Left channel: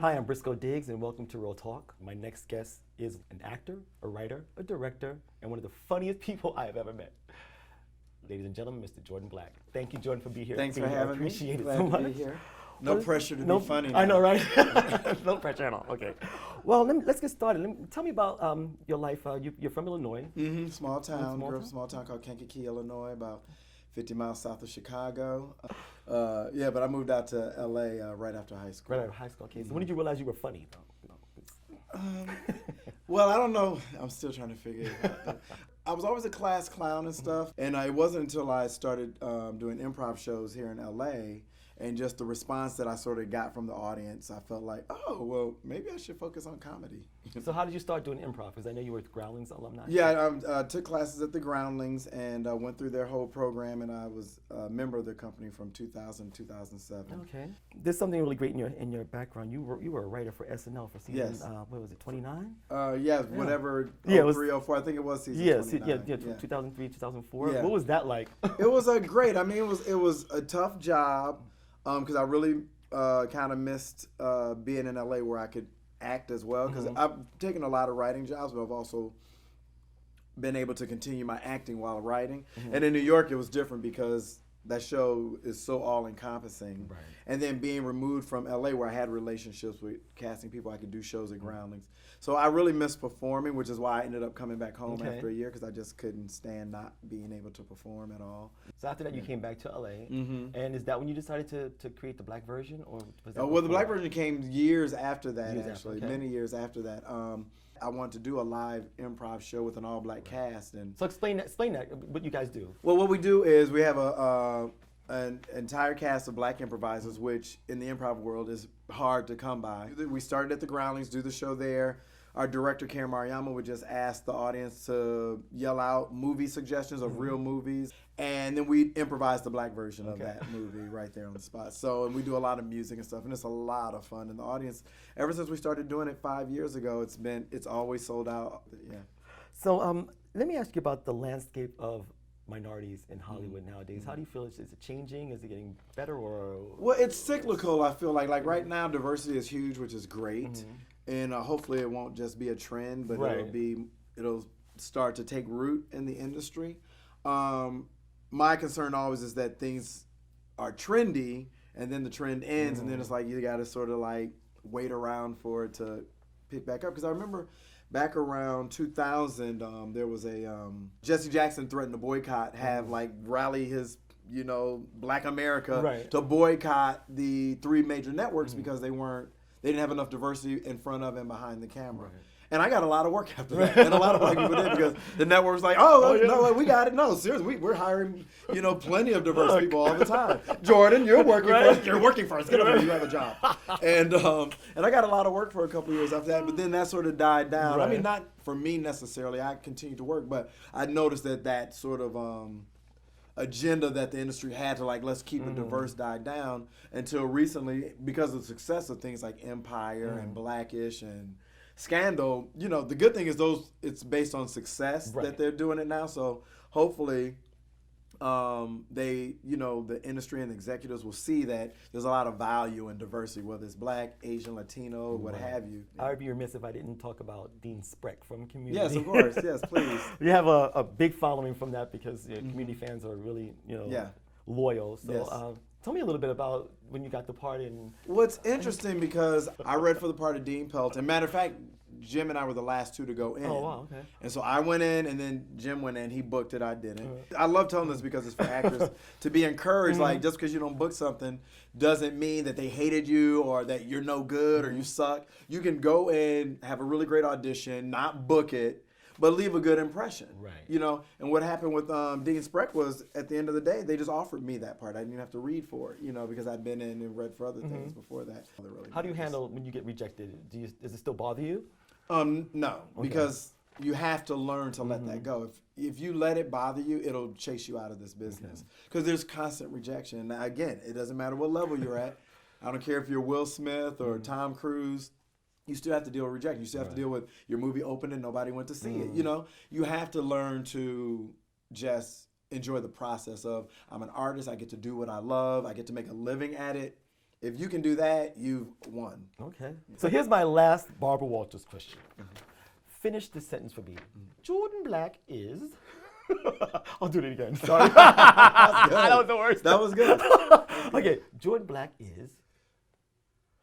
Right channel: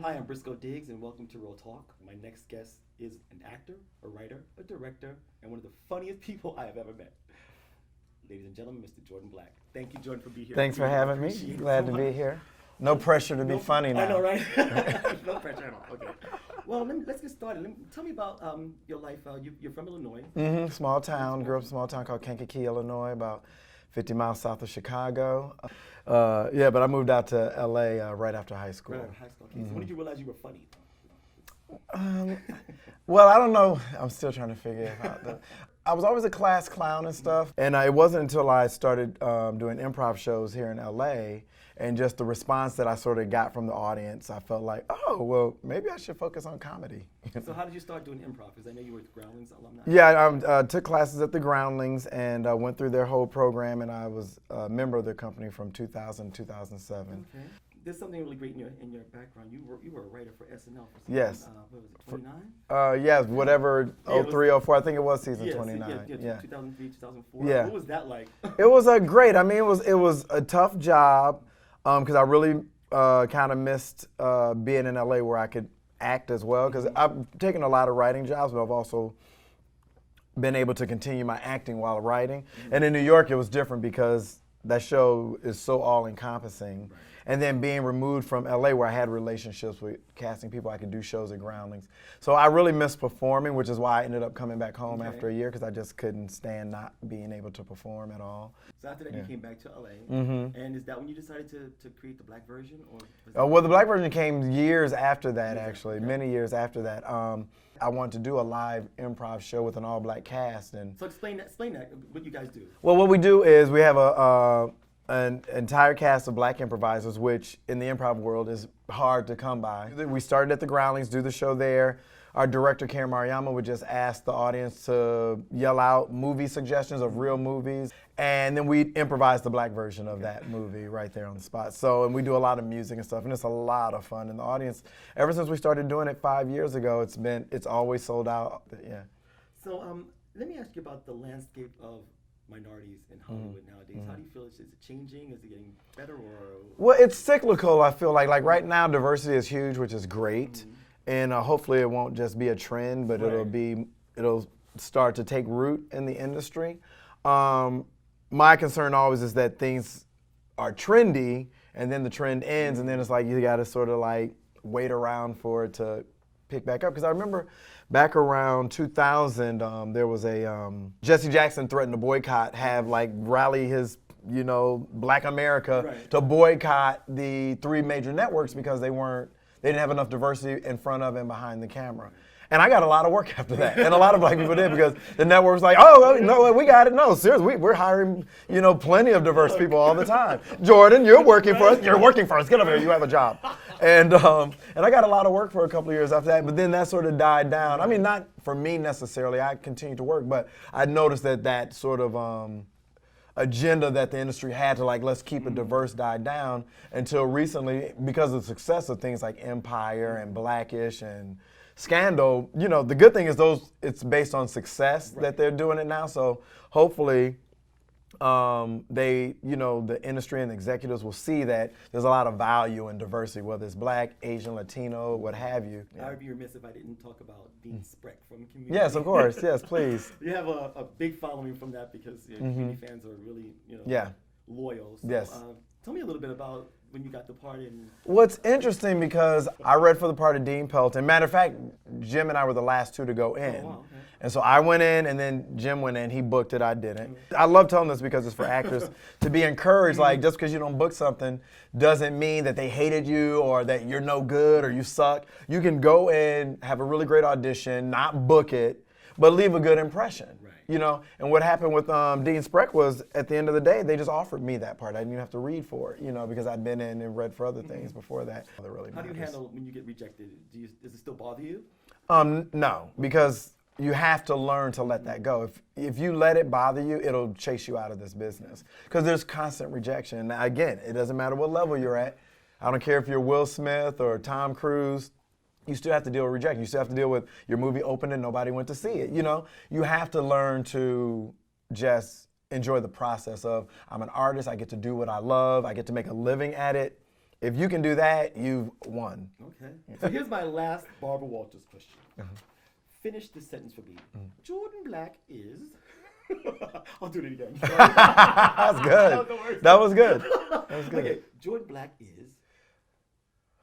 Hi, I'm Briscoe Diggs, and welcome to Real Talk. My next guest is an actor, a writer, a director, and one of the funniest people I have ever met. Ladies and gentlemen, Mr. Jordan Black. Thank you, Jordan, for being here. Thanks for having me. Appreciate it Glad so to be much. here. No pressure to be funny now. I know, right? No pressure at all. Okay. Well, let's get started. Tell me about your life. You're from Illinois. Small town. Grew up in a small town called Kankakee, Illinois, about 50 miles south of Chicago. But I moved out to LA right after high school. Right out of high school. Okay. So when did you realize you were funny? Well, I don't know. I'm still trying to figure it out. I was always a class clown and stuff, and it wasn't until I started doing improv shows here in LA and just the response that I sort of got from the audience, I felt like, oh, well, maybe I should focus on comedy. So how did you start doing improv? Because I know you were at Groundlings alumni. Yeah, I took classes at the Groundlings and went through their whole program, and I was a member of their company from 2000 to 2007. Okay. There's something really great in your background. You were a writer for SNL for season, Yes. What was it, 29? Yes, whatever, Yeah, it was- 03, 04, I think it was season 29. Yeah, 2003, 2004. Yeah. What was that like? It was great. I mean, it was a tough job because I really kind of missed being in LA where I could act as well, because I've taken a lot of writing jobs, but I've also been able to continue my acting while writing. And in New York, it was different because that show is so all-encompassing. Right. And then being removed from LA where I had relationships with casting people, I could do shows at Groundlings. So I really missed performing, which is why I ended up coming back home after a year, because I just couldn't stand not being able to perform at all. So after that, you came back to LA, and is that when you decided to create the black version, or? Was that Well, the black version came years after that, actually, okay. many years after that. I wanted to do a live improv show with an all-black cast. And So explain that, what you guys do. well, what we do is we have an entire cast of black improvisers, which in the improv world is hard to come by. We started at the Groundlings, do the show there. Our director, Karen Mariyama, would just ask the audience to yell out movie suggestions of real movies, and then we improvise the black version of that movie right there on the spot. So, and we do a lot of music and stuff, and it's a lot of fun. And the audience, ever since we started doing it 5 years ago, it's always sold out. Yeah. So let me ask you about the landscape of minorities in Hollywood nowadays. How do you feel? Is it changing? Is it getting better, or? Well, it's cyclical, I feel like. Like right now, diversity is huge, which is great. And hopefully it won't just be a trend, but it'll start to take root in the industry. My concern always is that things are trendy, and then the trend ends, and then it's like you got to sort of like wait around for it to pick back up. Because I remember back around 2000, there was Jesse Jackson threatened to boycott, rally his Black America to boycott the 3 major networks because they didn't have enough diversity in front of and behind the camera. And I got a lot of work after that, and a lot of black people did, because the network's like, oh, no, we got it. No, seriously, we're hiring, plenty of diverse people all the time. Jordan, you're working for us. You're working for us. Get over here. You have a job. And I got a lot of work for a couple of years after that, but then that sort of died down. I mean, not for me necessarily. I continued to work, but I noticed that sort of agenda that the industry had to let's keep it diverse died down until recently, because of the success of things like Empire and Blackish and Scandal. The good thing is it's based on success that they're doing it now. So hopefully the industry and executives will see that there's a lot of value in diversity, whether it's Black, Asian, Latino, what have you. I would be remiss if I didn't talk about Dean Spreck from Community. Yes, of course. Yes, please. You have a big following from that, because Community fans are really loyal. So Yes. Tell me a little bit about when you got the part in. What's interesting, because I read for the part of Dean Pelton. Matter of fact, Jim and I were the last 2 to go in. Oh, wow, okay. And so I went in, and then Jim went in. He booked it, I didn't. I love telling this because it's for actors to be encouraged. Like, just because you don't book something doesn't mean that they hated you or that you're no good or you suck. You can go in, have a really great audition, not book it, but leave a good impression. Right. And what happened with Dean Spreck was, at the end of the day, they just offered me that part. I didn't even have to read for it, because I'd been in and read for other things before that. How do you handle when you get rejected? Does it still bother you? No, because you have to learn to let that go. If you let it bother you, it'll chase you out of this business, because there's constant rejection. Now, again, it doesn't matter what level you're at. I don't care if you're Will Smith or Tom Cruise. You still have to deal with rejection. You still have to deal with your movie opened and nobody went to see it. You have to learn to just enjoy the process of, I'm an artist, I get to do what I love, I get to make a living at it, if you can do that, you've won. Okay. So here's my last Barbara Walters question. Finish this sentence for me. Jordan Black is. I'll do it again. Sorry. That's good. That was the worst. That was good. Okay. Jordan Black is.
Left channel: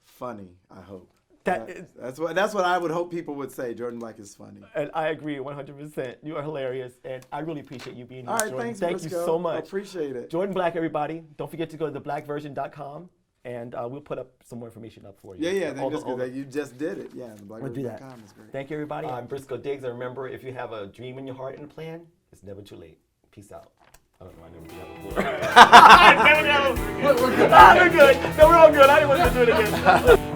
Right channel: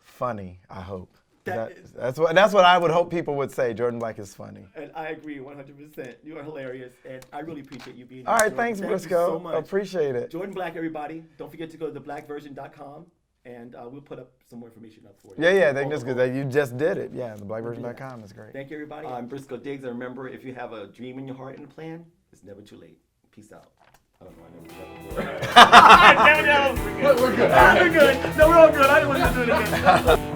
Funny, I hope. That's what I would hope people would say. Jordan Black is funny. And I agree 100%. You are hilarious, and I really appreciate you being here. All right, Jordan. thanks, Thank Briscoe. you so much. Appreciate it. Jordan Black, everybody. Don't forget to go to theblackversion.com, and we'll put up some more information up for you. Yeah, that's good. You just did it. Yeah, theblackversion.com is great. Thank you, everybody. I'm Briscoe Diggs, and remember, if you have a dream in your heart and a plan, it's never too late. Peace out. I don't know. I never did that before. We're good. We're good. No, we're all good. I didn't want to do it again.